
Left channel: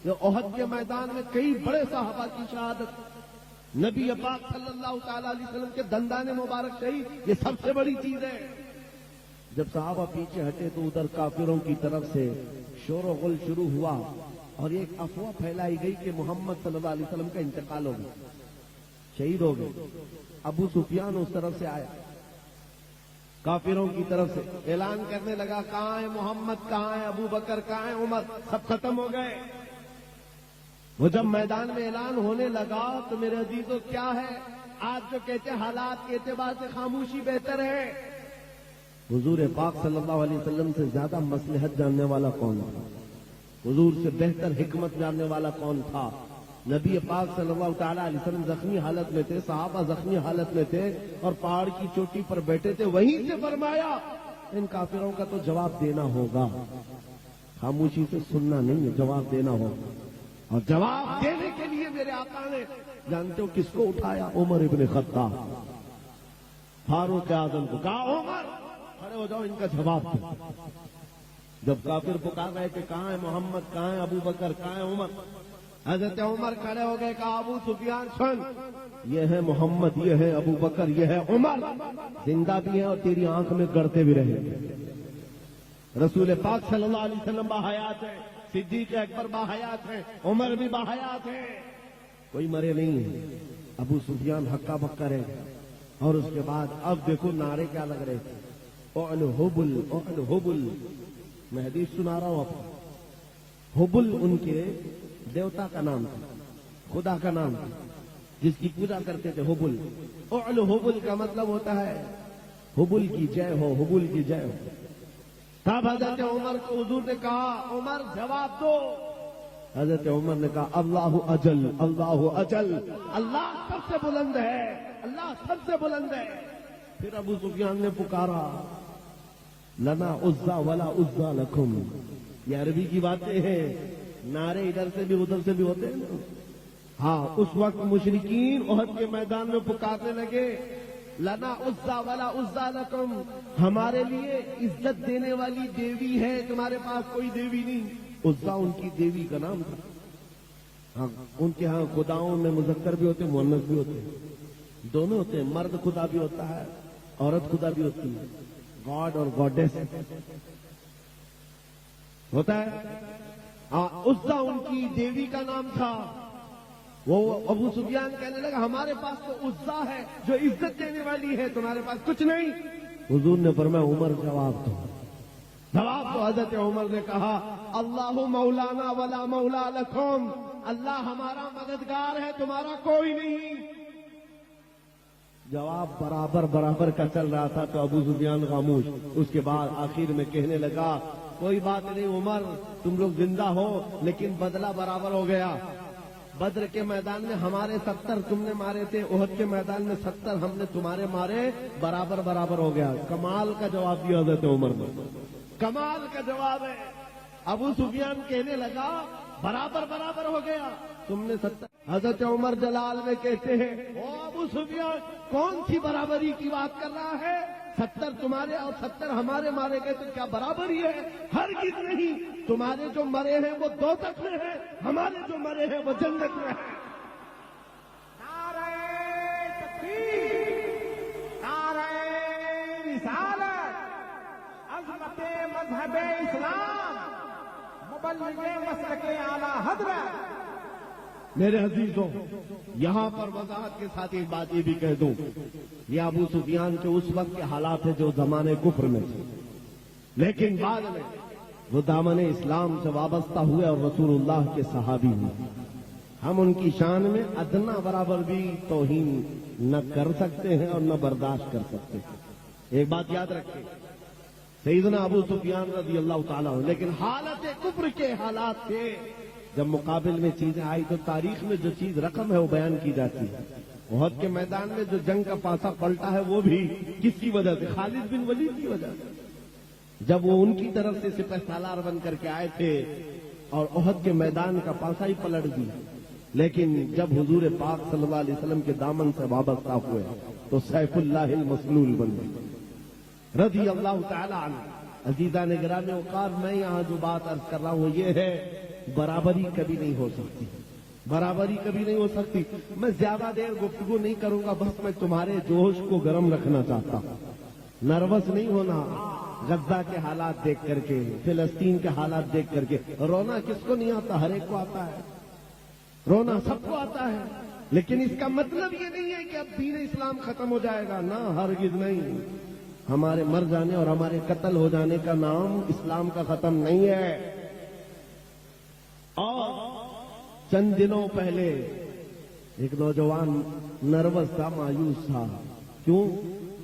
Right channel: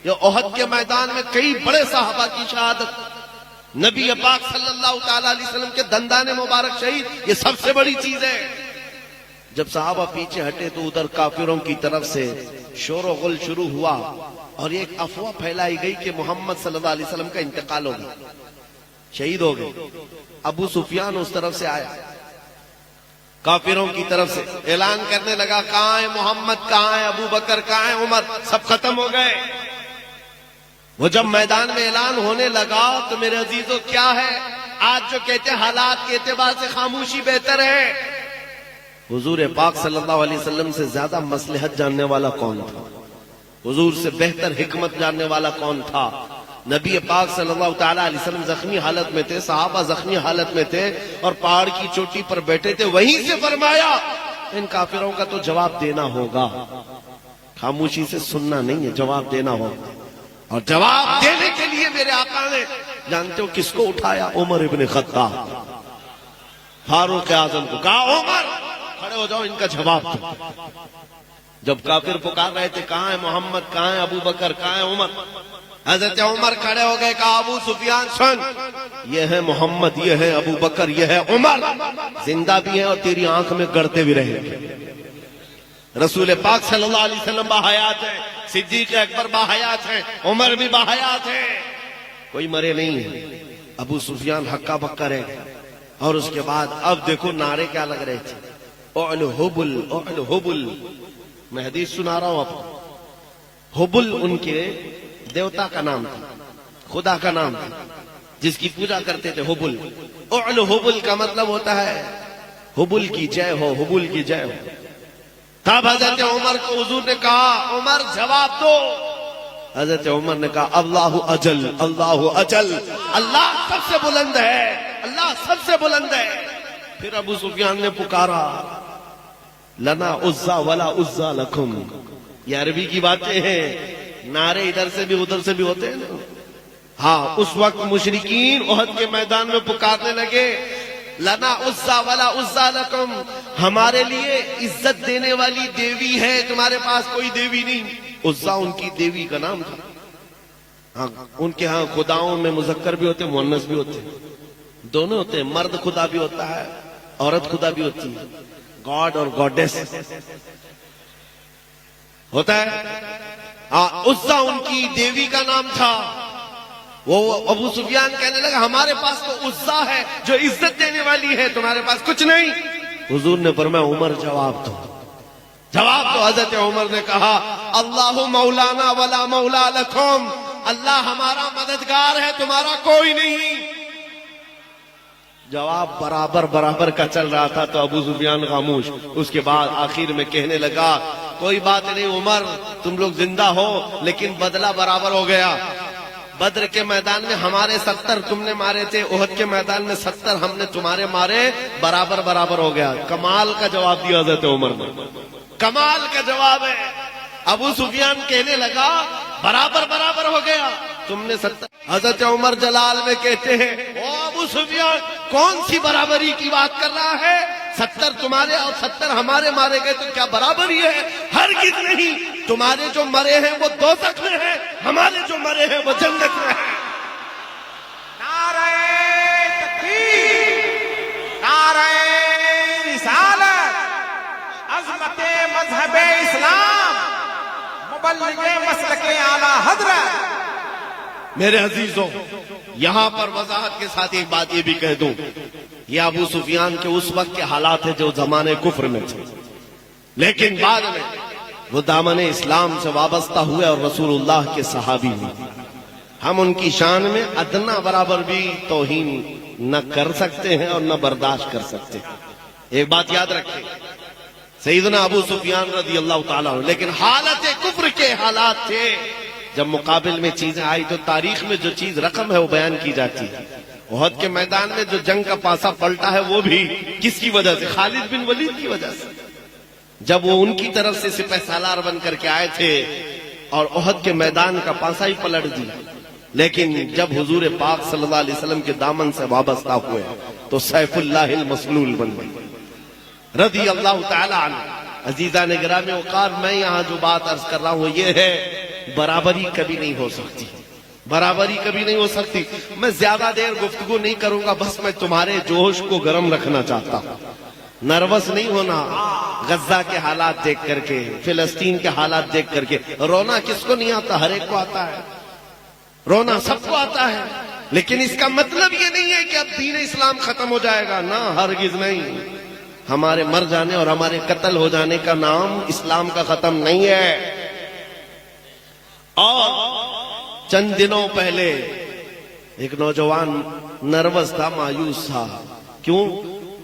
یہ احد کے میدان میں کئی بڑے صحابہ کی شہادت، نبی پاک صلی اللہ تعالی علیہ وسلم کے دندان مبارک شہید، یہ سب سے بڑی چیز ہے۔ جب صحابہ پیچھے ہٹے تو ادھر کافروں کی طرف سے شور و غل شروع ہوا، اور ایک افواہ پھیلائی گئی کہ محمد صلی اللہ علیہ وسلم کا انتقال ہو گیا، شہید ہو گئے۔ ابو سفیان اس طرف سے آیا، کافروں کی طرف سے اعلان کرنے لگا کہاں ہے محمد، کہاں ہے ابو بکر، کہاں ہے عمر، سب ختم ہو گئے۔ وہ جب میدان میں اعلان ہونے لگا تو میرے عزیزو کیا ہے، آج جو کہتے ہیں حالات کے اعتبار سے خاموشی بہتر ہے، حضور پاک صلی اللہ علیہ وسلم سے زیادہ مصلحت جاننے والا کون تھا، حضور سے بہتر حکمت جاننے والا کون تھا؟ نبی پاک صلی اللہ تعالیٰ علیہ وسلم زخمی حالت میں تھے، صحابہ زخمی حالت میں تھے اور پہاڑ کی چوٹی پر بیٹھے تھے، وہیں سے فرمایا ان کافروں کا تو جواب دینا ہوگا، خاموشی سے سننا نہیں ہے، جواب دینا ہوگا۔ اور جواب دینے کے لیے میرے آقا نے جانتے ہو کس کو اٹھایا؟ عمر ابن خطاب، فاروق اعظم کو کہا عمر کھڑے ہو جاؤ، ان کا جواب دو۔ جب کافر پکار رہے تھے کہاں ہے محمد، کہاں ہے ابو بکر، کہاں ہے عمر، حضرت عمر کھڑے ہو گئے، کہا ابو سفیان سن، یہ ہے محمد، یہ ہے ابو بکر، یہ ہے عمر، زندہ بھی ہیں اور تیری آنکھ میں گڑتے بھی رہیں گے۔ رسول پاک صلی اللہ علیہ وسلم باحیات ہیں، صدیق اکبر باحیات ہیں، عمر بھی باحیات ہیں، کوئی مرے نہیں ہے۔ ابو سفیان ہکا بکا رہ گئے۔ اور اس کے بعد اب دیکھو نعرے کیا لگ رہے تھے، اعلو حبل اعلو حبل، میں حدیث سنا رہا ہوں آپ کو۔ حبل ان کے دیوتا کا نام تھا، خدا کا نام تھا جس کی پوجا کرتے تھے، حبل۔ اعلو حبل کا مطلب ہوتا ہے حبل کی جے ہو، حبل کی جے ہو۔ تب حضرت عمر کو حضور نے کہا عمر جواب دو۔ حضرت عمر نے کہا اللہ اجل، اللہ اجل، اللہ سب سے بلند ہے، اللہ سب سے بلند ہے۔ پھر ابو سفیان نے پکارا لنا عزا ولا عزا لکم، یہ عربی کی باتیں ہیں، نعرے ادھر سے بھی ادھر سے بھی ہوتے ہیں نا۔ ہاں اس وقت مشرکین احد کے میدان میں پکارنے لگے لنا عزا ولا عزا لکم، ہمارے لیے عزت دینے والی دیوی ہے، تمہارے پاس کوئی دیوی نہیں۔ عزا ان کی دیوی کا نام تھا۔ ہاں ان کے ہاں خداؤں میں مذکر بھی ہوتے ہیں، مؤنث بھی ہوتے ہیں، دونوں ہوتے ہیں، مرد خدا بھی ہوتا ہے، عورت خدا بھی ہوتی ہے، گاڈ اور گاڈیس ہوتا ہے۔ عزا ان کی دیوی کا نام تھا۔ وہ ابو سفیان کہنے لگا ہمارے پاس تو عزا ہے جو عزت دینے والی ہے، تمہارے پاس کچھ نہیں۔ حضور نے فرمایا عمر جواب دو، جواب دو۔ حضرت عمر نے کہا اللہ مولانا ولا مولا لکم، اللہ ہمارا مددگار ہے، تمہارا کوئی نہیں۔ جواب برابر برابر کا چل رہا تھا تو ابو سفیان خاموش۔ اس کے بعد آخر میں کہنے لگا کوئی بات نہیں عمر، تم لوگ زندہ ہو لیکن بدلہ برابر ہو گیا۔ بدر کے میدان میں ہمارے 70 تم نے مارے تھے، احد کے میدان میں 70 ہم نے تمہارے مارے، برابر برابر ہو گیا۔ کمال کا جواب دیا حضرت عمر نے، کمال کا جواب ہے۔ ابو سفیان کہنے لگا برابر برابر ہو گیا، تم نے 70۔ حضرت عمر جلال میں کہتے ہیں او ابو سفیان کون سی برابری کی بات کر رہا ہے، 70 تمہارے اور 70 ہمارے مارے گئے تو کیا برابری ہے؟ ہرگز نہیں، تمہارے جو مرے ہیں وہ دوزخ میں ہیں، ہمارے جو مرے ہیں وہ جنت میں ہیں۔ نعرہ تکبیر، نعرہ رسالت، عظمت مذہب اسلام، مبلغ مسلک اعلی حضرت۔ میرے عزیزوں یہاں پر وضاحت کے ساتھ ایک بات یہ بھی کہہ دوں، یہ ابو سفیان کے اس وقت کے حالات ہیں جو زمانے کفر میں تھے، لیکن بعد میں وہ دامن اسلام سے وابستہ ہوئے اور رسول اللہ کے صحابی ہوئے۔ ہم ان کی شان میں ادنا برابر بھی توہین نہ کر سکتے ہیں اور نہ برداشت کر سکتے ہیں۔ ایک بات یاد رکھیں، سیدنا ابو سفیان رضی اللہ تعالیٰ عنہ، لیکن حالت کفر کے حالات تھے۔ جب مقابل میں چیزیں آئی تو تاریخ میں جو چیز رقم ہے وہ بیان کی جاتی ہے۔ احد کے میدان میں جو جنگ کا پاسا پلٹا ہے وہ بھی کس کی وجہ سے؟ خالد بن ولید کی وجہ سے، جب وہ ان کی طرف سے سپہ سالار بن کر کے آئے تھے اور احد کے میدان کا پاسا ہی پلٹ دیا۔ لیکن جب حضور پاک صلی اللہ علیہ وسلم کے دامن سے وابستہ ہوئے تو سیف اللہ المسلول بن گئے رضی اللہ تعالی عنہ۔ عزیزان گرامی وقار، میں یہاں جو بات عرض کر رہا ہوں یہ ہے برابری کبھی نہیں ہو سکتی، برابری کبھی نہیں ہو سکتی۔ میں زیادہ دیر گفتگو نہیں کروں گا، بس میں تمہارے جوش کو گرم رکھنا چاہتا ہوں۔ نروس نہیں ہونا، غزہ کے حالات دیکھ کر کے، فلسطین کے حالات دیکھ کر کے۔ رونا کس کو نہیں آتا؟ ہر ایک کو آتا ہے، رونا سب کو آتا ہے، لیکن اس کا مطلب یہ نہیں ہے کہ اب دین اسلام ختم ہو جائے گا، نہ، ہرگز نہیں۔ ہمارے مر جانے اور ہمارے قتل ہو جانے کا نام اسلام کا ختم نہیں ہے۔ اور چند دنوں پہلے ایک نوجوان نروس تھا، مایوس تھا، کیوں؟